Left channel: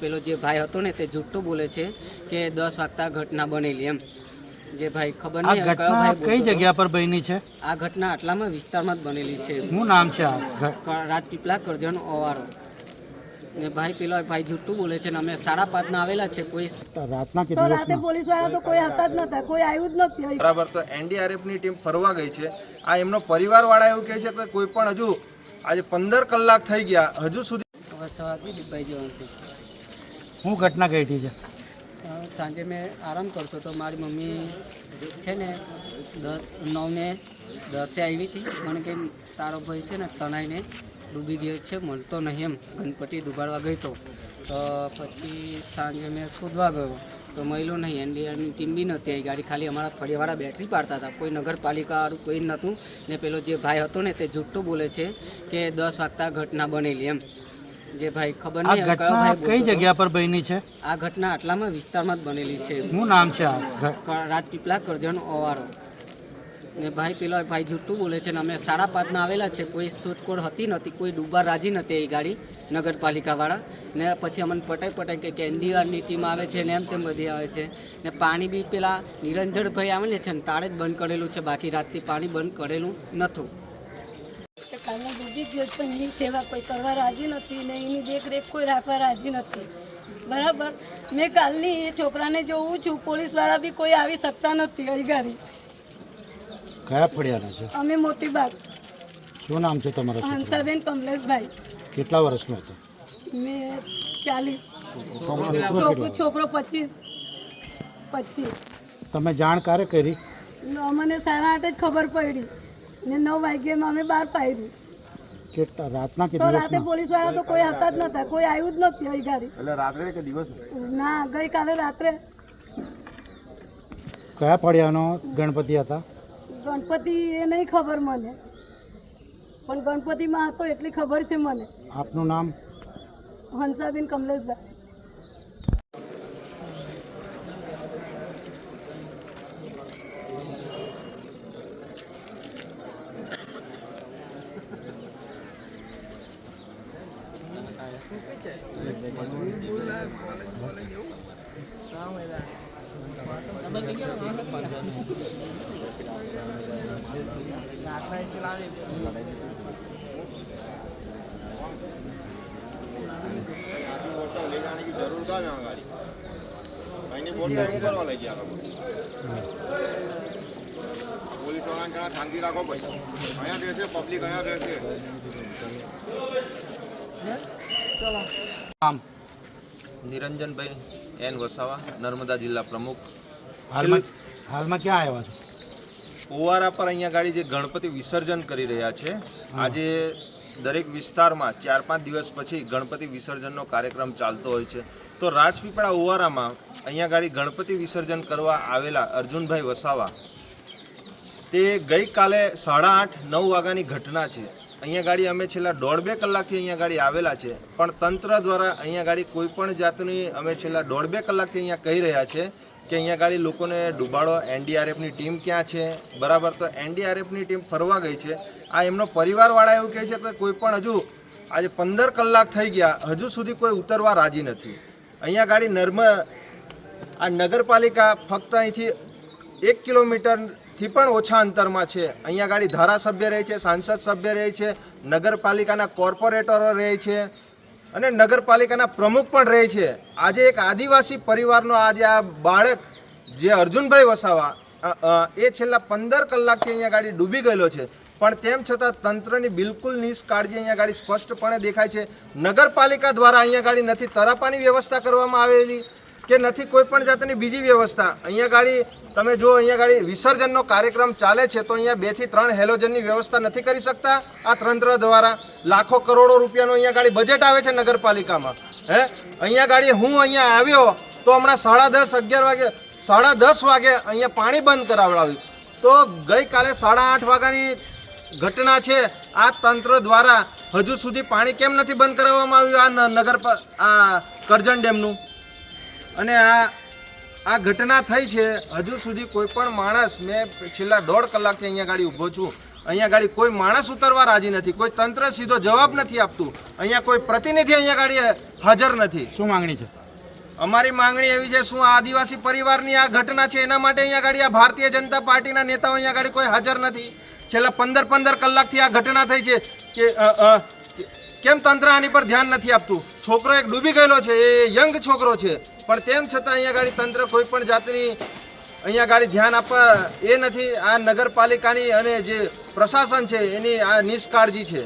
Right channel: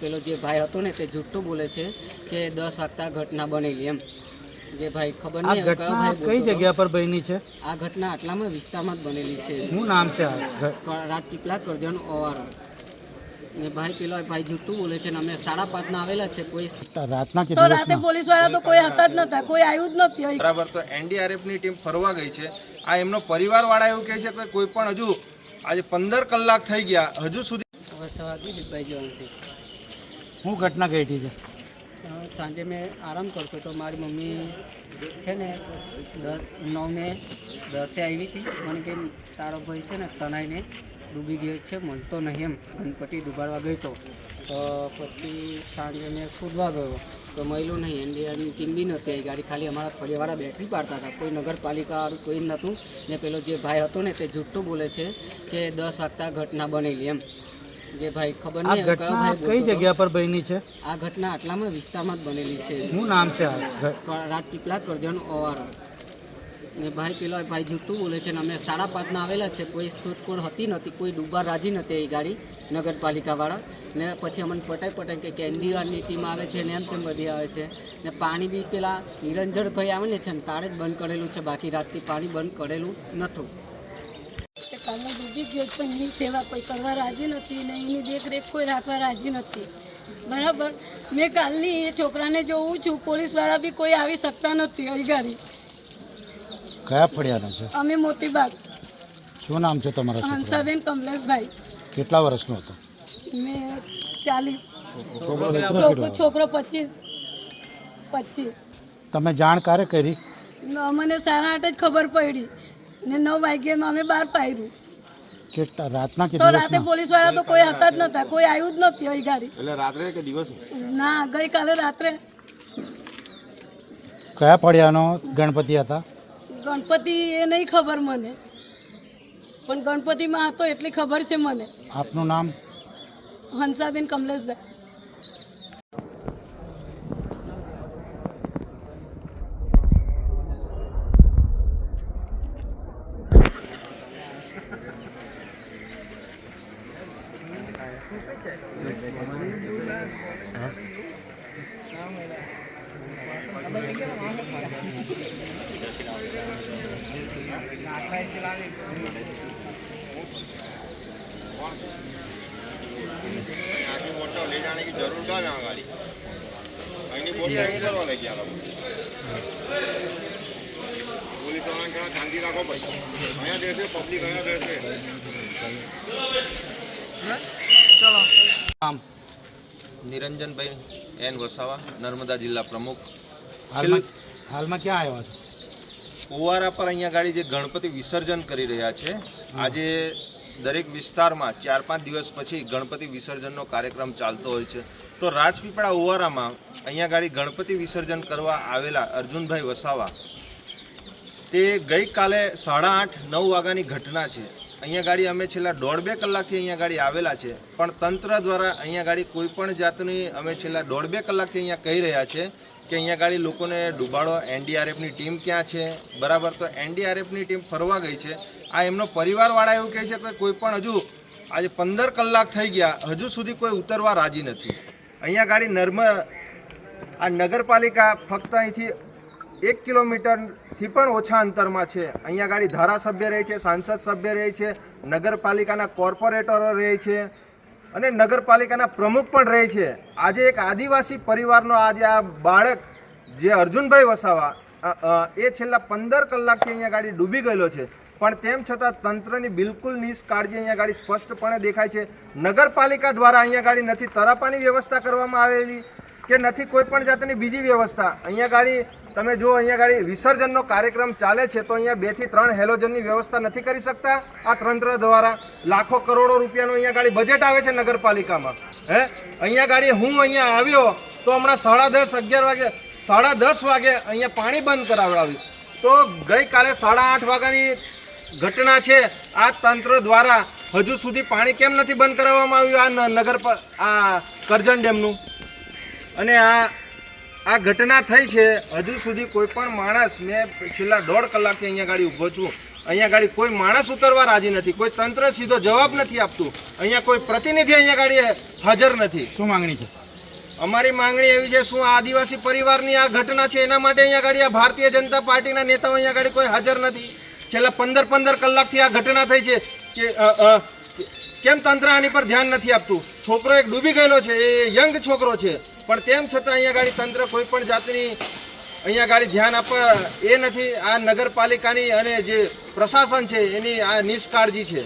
પેલો જે ભાઈ હતો ને તે જૂઠું બોલે છે કે દસ વાગતા ઘટના બનેલી એમ. જે ભાઈ ખબર નહીં કયો ભાઈ કઈ જગ્યા પર બની છે? આ ઘટના આટલામાં વિસ્તારમાં જ બનેલી છે. શું નામ છે રાજપીપળા કરજણ ઓવારો. ને ભાઈ પેલો ભાઈ જૂઠું બોલે છે ને અમે સાડા પાંચના આવેલા છે કોઈ રાતના તો રાતે પોલીસવાળા તો કોઈ હતા જ નતા કોઈ આવ્યું જ નથી બરાબર તો એનડીઆરએફની ટીમ ફરવા ગઈ છે. આ એમનો પરિવાર વાળા એવું કહે છે કે કોઈ પણ હજુ આજે પંદર કલાક થઈ ગયા હજુ સુધી વરસાદી દીપભાઈ જવાનું છે. શું ઘટના ઘટી છે? સાંજે મેં આરામ કરતો તો મારી મમ્મી છે ને દસ, નવને દસે આવી હતી. મને કે તારો ભાઈ છે ને તણાઈને ડૂબી ગયો છે, મળતો નહીં એમ. ગણપતિ ડૂબાડવા ગયો તો. તો પછી સાંજે મેં શોધવા ગયો. તો મળ્યું નહીં. એનડીઆરની ટીમ બી નહોતી આવી. ગાડી ખાલી અમારા ફળિયાવાળા બેટરી પાડતા હતા. કોઈ નગરપાલિકા કોઈ નહોતું ને પેલો જે ભાઈ હતો ને તે જુઠ્ઠું બોલે છે કે દસ વાગતા ઘટના બનેલી એમ. જે ભાઈ ખબર નહીં કયો ભાઈ કઈ જગ્યા પર બની છે? આ ઘટના આટલામાં વિસ્તારમાં જ બનેલી છે. શું નામ છે રાત પીપલા કરજણ ઓવારો. ને ભાઈ પેલો ભાઈ જૂઠું બોલે છે ને અમે સાડા પાંચના આવેલા છે. કોઈ શોધખોળ હતી નથી કોઈ ડૂબા રાજી નથી એ ગાડી નગરપાલિકાવાળા. ને પછી અમને પટાઈ પટાઈ કે કે એનડીઆરની ટીમ આવે છે ને એમ તેમ બધી આવે છે. ને પાણી બી પેલા નિરંજનભાઈ આવેલે છે ને તાળે જ બંધ કરેલું છે. બાકી રાતથી પાણી બંધ કરેલું નહોતું. કાલનો ડૂબી ગયો છે, પણ એની સેવા કોઈ કરવા રાજી નથી ને એની દેખરેખ કોઈ રાખવા રાજી નથી. બરાબર? મેં કાલની એ છોકરાને જોઉં છું પોલીસવાળા બી કોઈ આવી શકતા નથી અહીં કયા ફળિયાનો છે? અમે મોતીબાગ. શું નામ છે તમારા હંસાબેન કમલેશભાઈ. કેટલા વર્ષનો હતો? મેં ચાલીસ. છોકરો પચીસ. પચીસ. તમે જાણ ક્યારે કરી? મને સાડા આઠ જ ખબર પડી ને નવ વાગ્યામાં અમે બહાર પાડ્યું રાતના તો રાતે પોલીસવાળા તો કોઈ હતા જ નતા કોઈ આવ્યું જ નથી અહીં ગાડી. એટલે રાત્રે કે દિવસ? ના ગઈકાલે રાત્રે. કયા ફળિયાનો ગણપતિ હતા? ગણપતિ એ નહીં ખબર મને. પણ ગણપતિમાં હતો એટલી ખબર છે મને. આપનું નામ? હંસાબેન કમલેશભાઈ. રાખો ભાઈ નિરંજનભાઈ એન વસાવા નર્મદા જિલ્લા પ્રમુખ. હાલમાં ક્યાં આવ્યા છો? ઓવારા પર અહીંયા ગાડી જે ગણપતિ વિસર્જન કરી રહ્યા છે આજે દરેક વિસ્તારમાં ચાર પાંચ દિવસ પછી ગણપતિ વિસર્જનનો કાર્યક્રમ ચાલતો હોય છે. તો રાજપીપળા ઓવારામાં અહીંયા ગાડી ગણપતિ વિસર્જન કરવા આવેલા અર્જુનભાઈ વસાવા તે ગઈકાલે સાડા આઠ નવ વાગ્યાની ઘટના છે. અહીંયા ગાડી અમે છેલ્લા દોઢ બે કલાકથી અહીંયા ગાડી આવેલા છે પણ તંત્ર દ્વારા અહીંયા ગાડી કોઈ પણ જાતની અમે છેલ્લા દોઢ બે કલાકથી અહીંયા કહી રહ્યા છે કે અહીંયા ગાડી લોકોને ડૂબાડો, એનડીઆરએફની ટીમ ક્યાં છે? બરાબર, તો એનડીઆરએફની ટીમ ફરવા ગઈ છે. આ એમનો પરિવારવાળા એવું કહે છે કે કોઈ પણ હજુ આજે પંદર કલાક થઈ ગયા, હજુ સુધી કોઈ ઉતરવા રાજી નથી. અહીંયા ગાડી નર્મ આ નગરપાલિકા ફક્ત અહીંથી એક કિલોમીટરથી પણ ઓછા અંતરમાં છે. અહીંયા ગાડી ધારાસભ્ય રહે છે, સાંસદ સભ્ય રહે છે, નગરપાલિકાના કોર્પોરેટરો રહે છે. અને નગરપાલિકાના પ્રમુખ પણ રહે છે. આજે એક આદિવાસી પરિવારનો આજે આ બાળક જે અર્જુનભાઈ વસાવા એ છેલ્લા પંદર કલાકથી અહીંયા ગાડી ડૂબી ગયેલો છે. પણ તેમ છતાં તંત્રની બિલકુલ નિષ્કાળજી અહીંયા ગાડી સ્પષ્ટપણે દેખાય છે. નગરપાલિકા દ્વારા અહીંયા ગાડી નથી, તરાપાની વ્યવસ્થા કરવામાં આવેલી. કે નથી કોઈ પણ જાતની બીજી વ્યવસ્થા. અહીંયા ગાડી, તમે જો અહીંયા ગાડી વિસર્જનનો કાર્યક્રમ ચાલે છે, તો અહીંયા બેથી ત્રણ હેલોજનની વ્યવસ્થા નથી કરી શકતા આ તંત્ર દ્વારા. લાખો કરોડો રૂપિયાનું અહીંયા ગાડી બજેટ આવે છે નગરપાલિકામાં. હે? અહીંયા ગાડી હું અહીંયા આવ્યો તો હમણાં સાડા દસ, અગિયાર વાગે, સાડા દસ વાગે અહીંયા પાણી બંધ કરાવડાવ્યું. તો ગઈકાલે સાડા આઠ વાગ્યાની ઘટના છે. આ તંત્ર દ્વારા હજુ સુધી પાણી કેમ નથી બંધ કરાવવામાં આવ્યું આ નગર આ કરજણ ડેમનું? અને આ આ ઘટના થઈ છે હજુ સુધી કોઈ પણ માણસ મેં છેલ્લા દોઢ કલાકથી અહીંયા ગાડી ઊભો છું અહીંયા ગાડી કોઈ માણસ ઉતરવા રાજી નથી કોઈ તંત્ર સીધો જવાબ નથી આપતું અહીંયા કોઈ પ્રતિનિધિ અહીંયા ગાડી હાજર નથી. શું માંગણી છે? અમારી માંગણી એવી છે શું આદિવાસી પરિવારની આ ઘટના છે એના માટે અહીંયા ગાડી આ ભારતીય જનતા પાર્ટીના નેતાઓ અહીંયા ગાડી કોઈ હાજર નથી. છેલ્લા પંદર પંદર કલાકથી આ ઘટના થઈ છે કે કેમ તંત્ર આની પર ધ્યાન નથી આપતું? છોકરો એક ડૂબી ગયેલો છે એ યંગ છોકરો છે. પણ તેમ છતાં અહીંયા ગાડી તંત્ર કોઈ પણ જાતની અહીંયા ગાડી ધ્યાન આપવા એ નથી. આ નગરપાલિકાની અને જે પ્રશાસન છે, એની આ નિષ્કાળજી છે.